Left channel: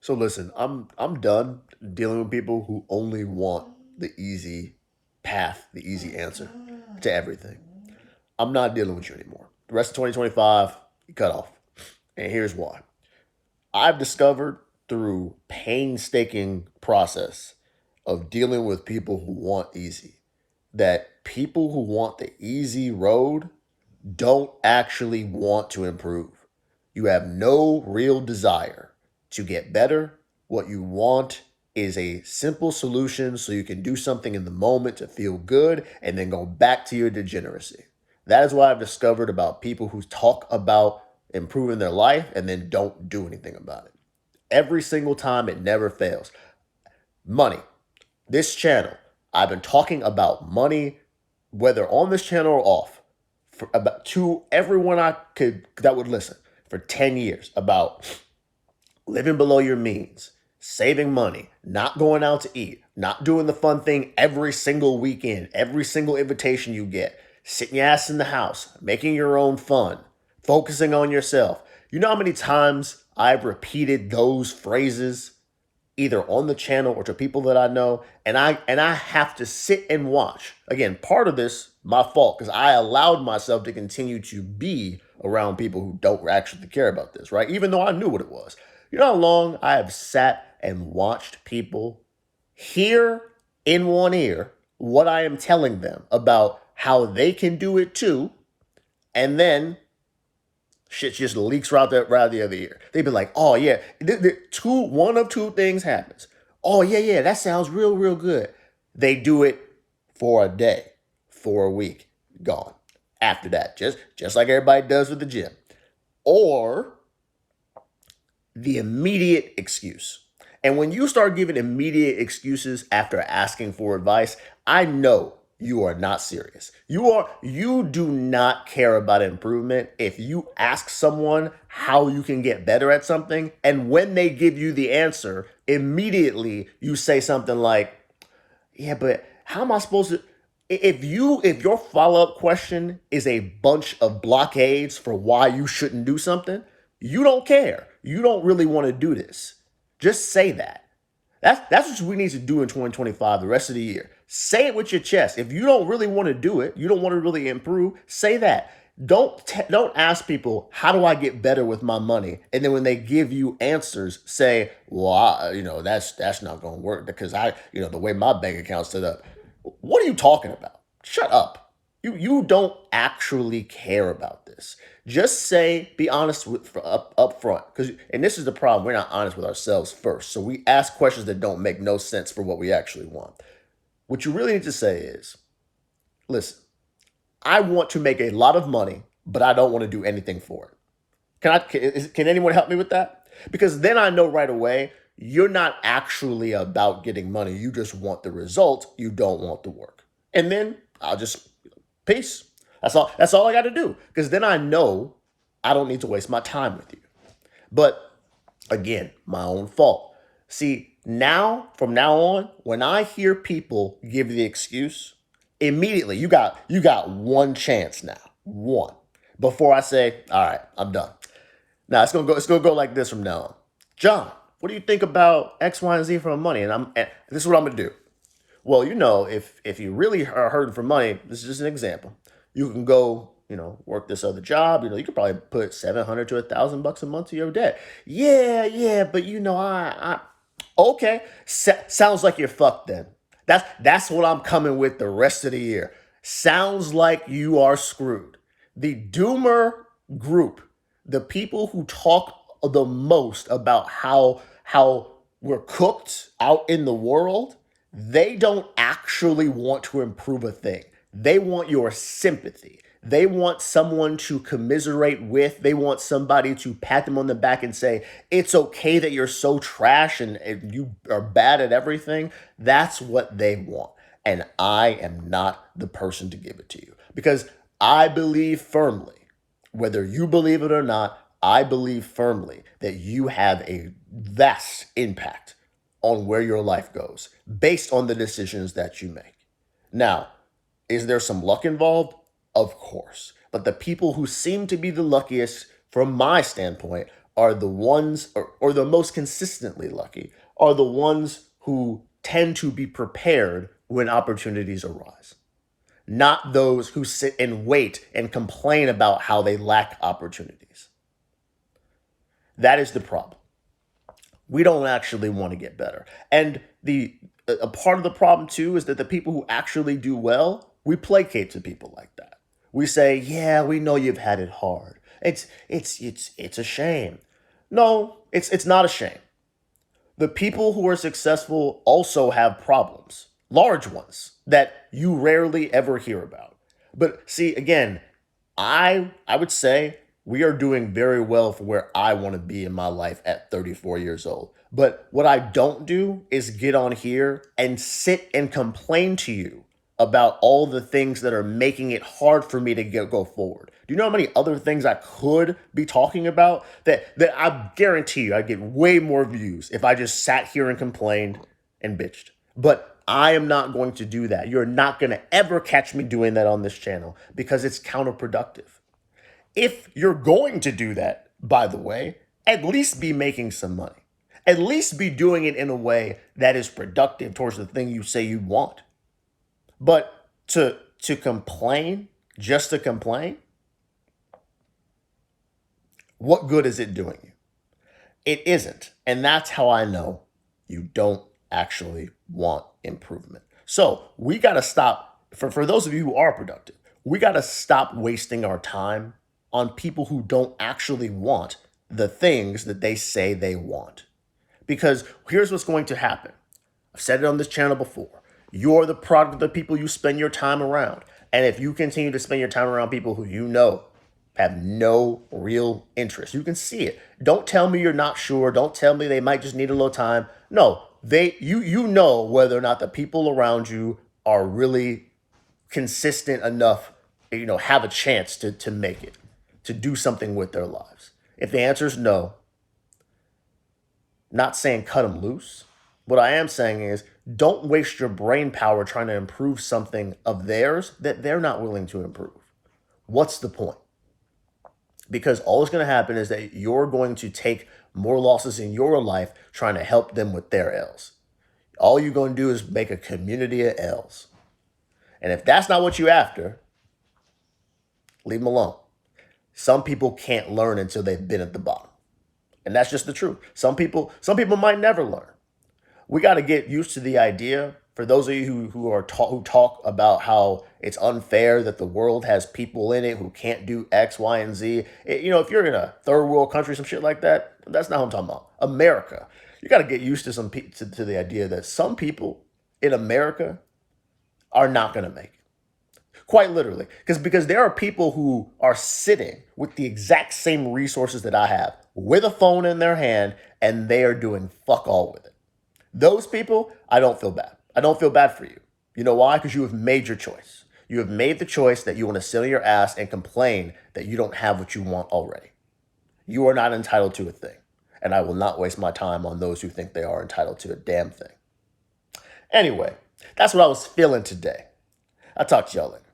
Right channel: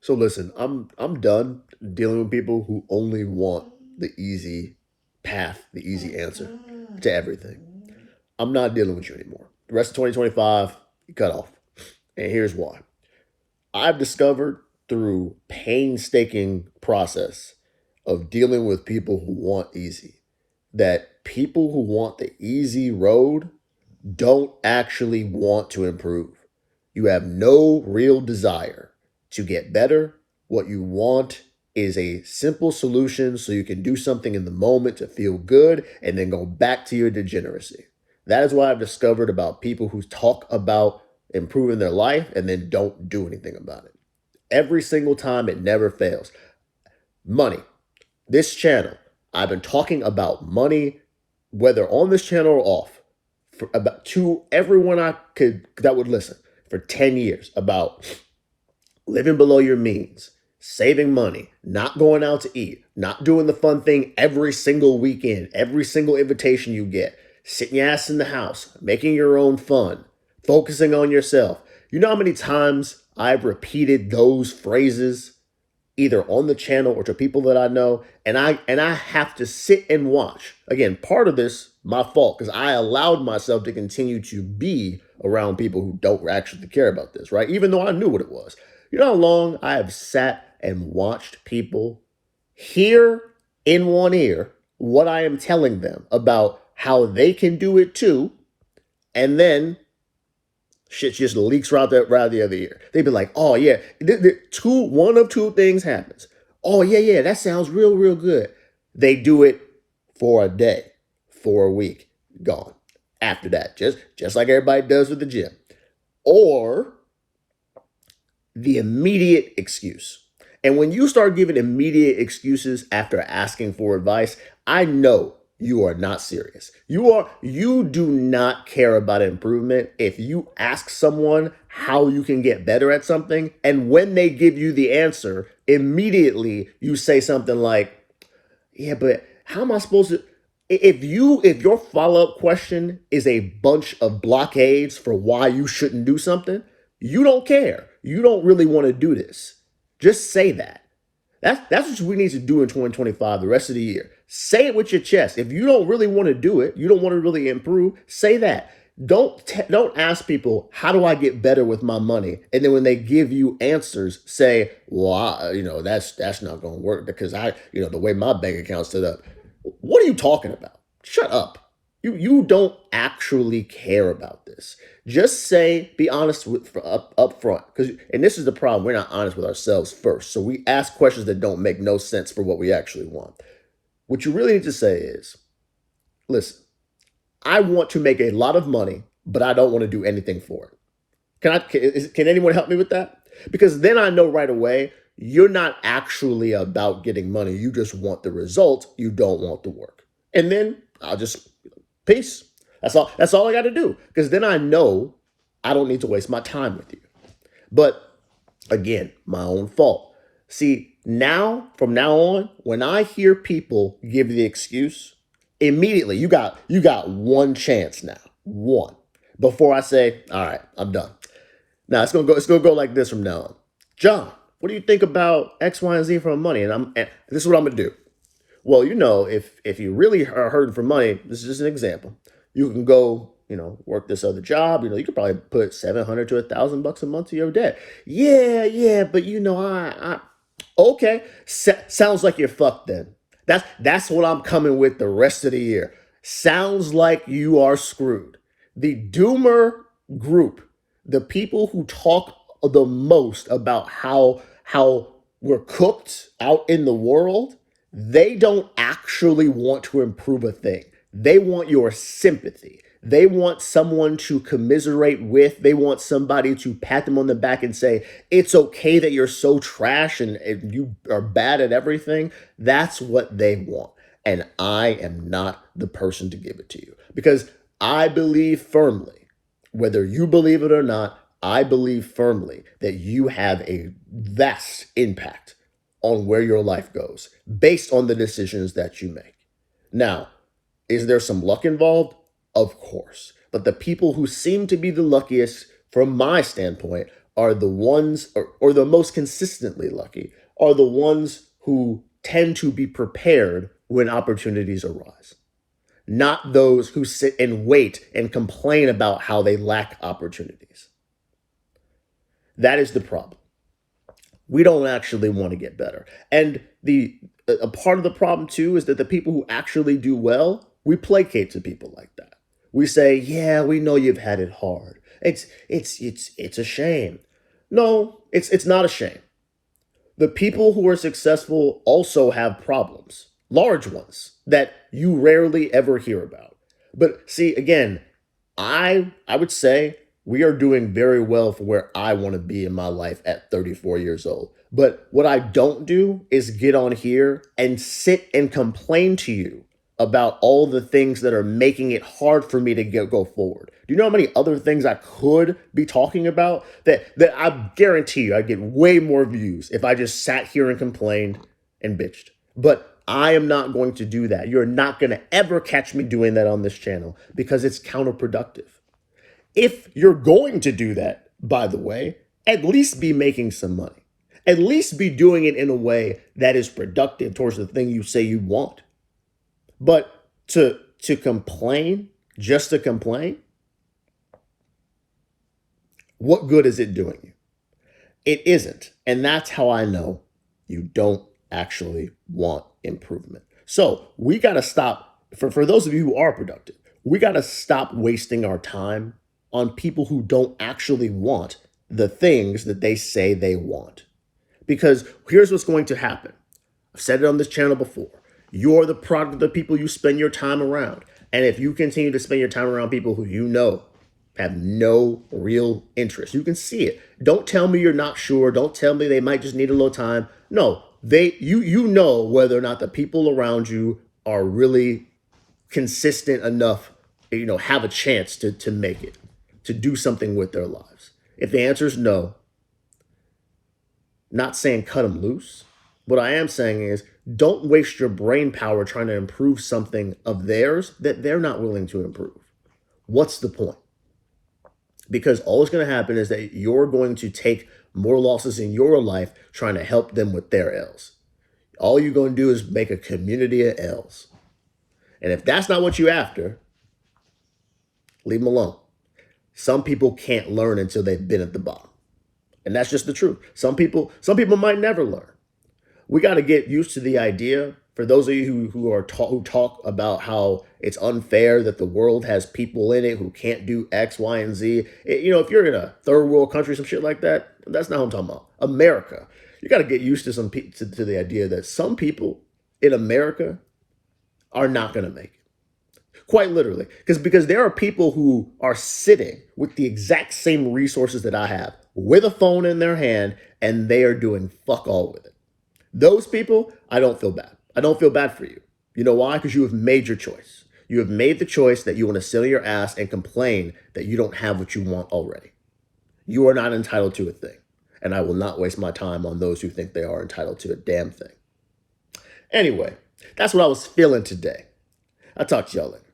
So listen, I'm done dealing with people who only want the easy path, the easy answer to everything. I'm not dealing with you anymore. The rest of 2025, you cut off. And here's why. I've discovered through painstaking process of dealing with people who want easy that people who want the easy road don't actually want to improve. You have no real desire to get better. What you want is a simple solution so you can do something in the moment to feel good and then go back to your degeneracy. That is what I've discovered about people who talk about improving their life and then don't do anything about it. Every single time, it never fails. Money. This channel, I've been talking about money, whether on this channel or off, for about to everyone I could that would listen for 10 years about living below your means, saving money, not going out to eat, not doing the fun thing every single weekend, every single invitation you get, sitting your ass in the house, making your own fun, focusing on yourself. You know how many times I've repeated those phrases either on the channel or to people that I know, and I have to sit and watch. Again, part of this my fault because I allowed myself to continue to be around people who don't actually care about this, right? Even though I knew what it was. You know how long I have sat and watched people hear in one ear what I am telling them about how they can do it too, and then shit just leaks right the other ear. They'd be like, "Oh yeah, one of two things happens. Oh yeah, yeah, that sounds real good." They do it for a day, for a week, gone. After that, just like everybody does with the gym, or the immediate excuse. And when you start giving immediate excuses after asking for advice, I know you are not serious. You do not care about improvement if you ask someone how you can get better at something and when they give you the answer, immediately you say something like, "Yeah, but how am I supposed to if your follow-up question is a bunch of blockades for why you shouldn't do something, you don't care. You don't really want to do this. Just say that. That's what we need to do in 2025, the rest of the year. Say it with your chest. If you don't really want to do it, you don't want to really improve, say that. Don't ask people how do I get better with my money, and then when they give you answers, say, "Well, that's not going to work because the way my bank account's set up." What are you talking about? Shut up. You don't actually care about this. Just say, be honest up front. And this is the problem. We're not honest with ourselves first. So we ask questions that don't make no sense for what we actually want. What you really need to say is, listen, I want to make a lot of money, but I don't want to do anything for it. Can anyone help me with that? Because then I know right away you're not actually about getting money. You just want the result. You don't want the work. And then I'll just peace. That's all I got to do. Because then I know I don't need to waste my time with you. But again, my own fault. See, from now on, when I hear people give the excuse, immediately you got one chance now. One. Before I say, all right, I'm done. Now it's gonna go like this from now on. John, what do you think about X, Y, and Z for money? And this is what I'm gonna do. Well, if you really are hurting for money, this is just an example. You can go, work this other job. You could probably put 700 to $1,000 a month to your debt. Yeah, yeah, but I okay. Sounds like you're fucked then. That's what I'm coming with the rest of the year. Sounds like you are screwed. The doomer group, the people who talk the most about how we're cooked out in the world, they don't actually want to improve a thing. They want your sympathy. They want someone to commiserate with. They want somebody to pat them on the back and say, it's okay that you're so trash and you are bad at everything. That's what they want. And I am not the person to give it to you because I believe firmly, whether you believe it or not, I believe firmly that you have a vast impact on where your life goes based on the decisions that you make. Now, is there some luck involved? Of course. But the people who seem to be the luckiest, from my standpoint, are the ones, or the most consistently lucky, are the ones who tend to be prepared when opportunities arise, not those who sit and wait and complain about how they lack opportunities. That is the problem. We don't actually want to get better. And the a part of the problem too is that the people who actually do well, we placate to people like that. We say, "Yeah, we know you've had it hard. It's a shame." No, it's not a shame. The people who are successful also have problems, large ones that you rarely ever hear about. But see, again, I would say we are doing very well for where I want to be in my life at 34 years old. But what I don't do is get on here and sit and complain to you about all the things that are making it hard for me to go forward. Do you know how many other things I could be talking about that I guarantee you I'd get way more views if I just sat here and complained and bitched. But I am not going to do that. You're not going to ever catch me doing that on this channel because it's counterproductive. If you're going to do that, by the way, at least be making some money. At least be doing it in a way that is productive towards the thing you say you want. But to complain, just to complain, what good is it doing you? It isn't. And that's how I know you don't actually want improvement. So we got to stop, for those of you who are productive, we got to stop wasting our time on people who don't actually want the things that they say they want. Because here's what's going to happen. I've said it on this channel before. You're the product of the people you spend your time around. And if you continue to spend your time around people who you know have no real interest, you can see it. Don't tell me you're not sure. Don't tell me they might just need a little time. No, you know whether or not the people around you are really consistent enough, have a chance to make it, to do something with their lives. If the answer is no, not saying cut them loose. What I am saying is don't waste your brain power trying to improve something of theirs that they're not willing to improve. What's the point? Because all that's going to happen is that you're going to take more losses in your life trying to help them with their L's. All you're going to do is make a community of L's. And if that's not what you're after, leave them alone. Some people can't learn until they've been at the bottom. And that's just the truth. Some people might never learn. We got to get used to the idea, for those of you who talk about how it's unfair that the world has people in it who can't do X, Y, and Z. If you're in a third world country, some shit like that, that's not what I'm talking about. America. You got to get used to to the idea that some people in America are not going to make it. Quite literally. Because there are people who are sitting with the exact same resources that I have, with a phone in their hand, and they are doing fuck all with it. Those people, I don't feel bad. I don't feel bad for you. You know why? Because you have made your choice. You have made the choice that you want to sit on your ass and complain that you don't have what you want already. You are not entitled to a thing. And I will not waste my time on those who think they are entitled to a damn thing. Anyway, that's what I was feeling today. I'll talk to y'all later.